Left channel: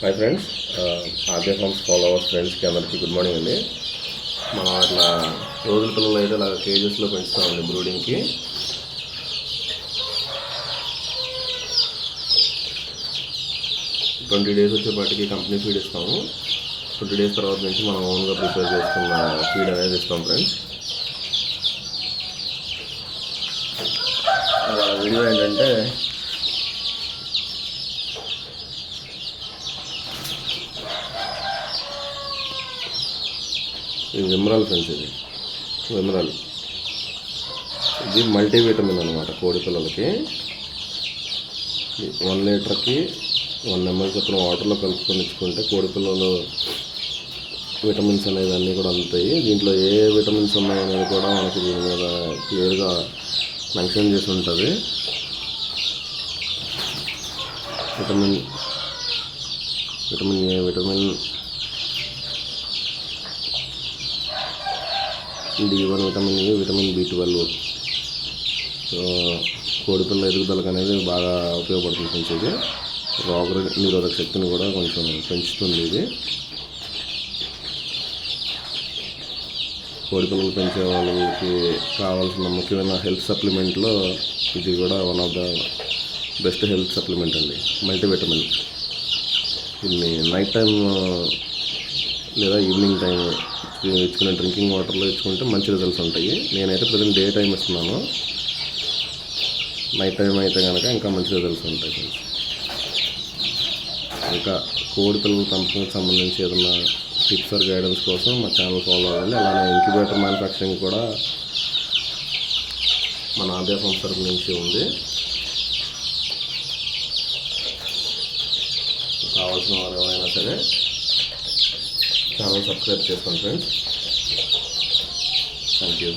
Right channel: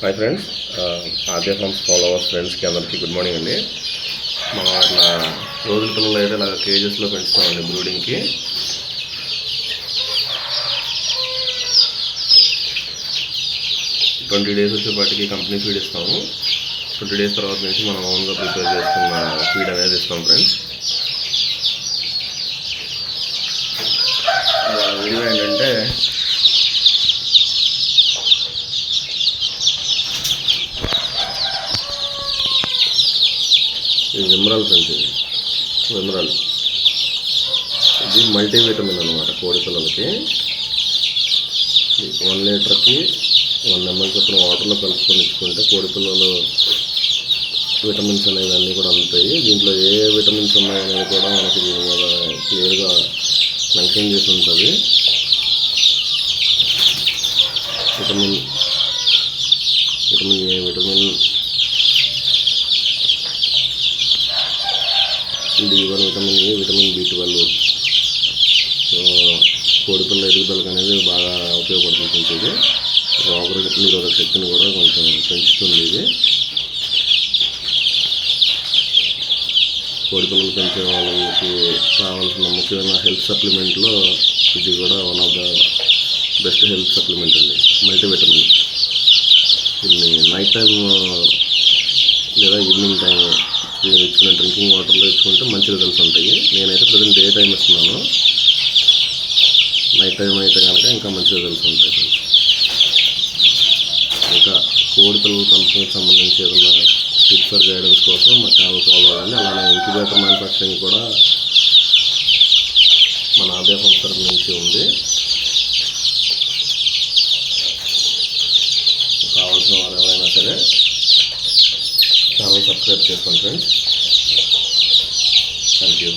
Hi friends uh, RJ farms followers ఫ్రెండ్స్కి అందరికీ good morning అండి. మనం అట్లా రోజుల పిల్లలు అయితే ఇలా కేజెస్లో పెంచుతామండి బ్రూడింగ్కి ట్వంటీ డేస్ వచ్చేపాటికి కంపెనీ ఫీడ్ ఇస్తాము. ట్వంటీ డేస్ తర్వాత నుంచి మనం ఓన్గా ప్రిపేర్ చేసుకున్న ఫీడ్ అనేది ఇస్తాం ఫ్రెండ్స్ వీడియో ఏంటంటే ఇది విమరల్ ఫ్రెండ్స్ ఇది. ఇది మల్టీవిటమిన్ అనమాట కోడి పిల్లలకి. వన్ లీటర్కి వన్ ఎంఎల్ చొప్పున వాటర్లో కలుపుకొని ఇచ్చుకుంటే కోడి పిల్లలు విటమిన్స్ అనేవి అన్నీ కూడా అందుతాయి. దీంట్లో ఏ ఏ విటమిన్స్ ఉన్నాయనేది కూడా మనకి దీని మీద క్లియర్గా మెన్షన్ చేసి ఉంటుంది. Vitamin vitamin A vitamin D one vitamin A vitamin B twelve. So కోడిపిల్ల ఎదుగుదలకు అనేది బాగా ఉపయోగపడుతుంది కొంచెం ఇది. రోగ నిరోధక శక్తిని కూడా కొంచెం పెంచుతుంది ఇది కోడిపిల్లలు పెంచే వాళ్ళకి కావాల్సిన ముఖ్యమైన హెల్త్ సప్లిమెంట్లో ఇది కూడా one of the best health supplement అండి. మల్టీవిటమిన్. దీన్ని నైట్ టైం లేదా ఈవినింగ్ టైం ఇచ్చుకునే డ్రింకింగ్ వాటర్లో ఇచ్చుకుంటే మంచి రిజల్ట్స్ ఉంటాయి. నేనైతే ప్రజెంట్ డే టైం ఇస్తున్నాను. నైట్ టైం అయితే కనుక ఇంకా మంచి రిజల్ట్స్ ఉంటాయి ఫ్రెండ్స్. ఇంకా కోడి పిల్లల పెంపకంకి సంబంధించి ఏదైనా టిప్స్ ఆర్ గైడెన్స్ కోసం మా ఛానల్ ఫాలో అవ్వండి. అలానే ఇంక్యుబేటర్ మ్యానుఫ్యాక్చరింగ్ కూడా మన ఆదాయ సంస్థ నుంచి ఉంది. కావాల్సిన వారు ఎవరైనా సరే ఛానల్ సబ్స్క్రైబ్ చేసుకోండి ఫ్రెండ్స్ థ్యాంక్ యూ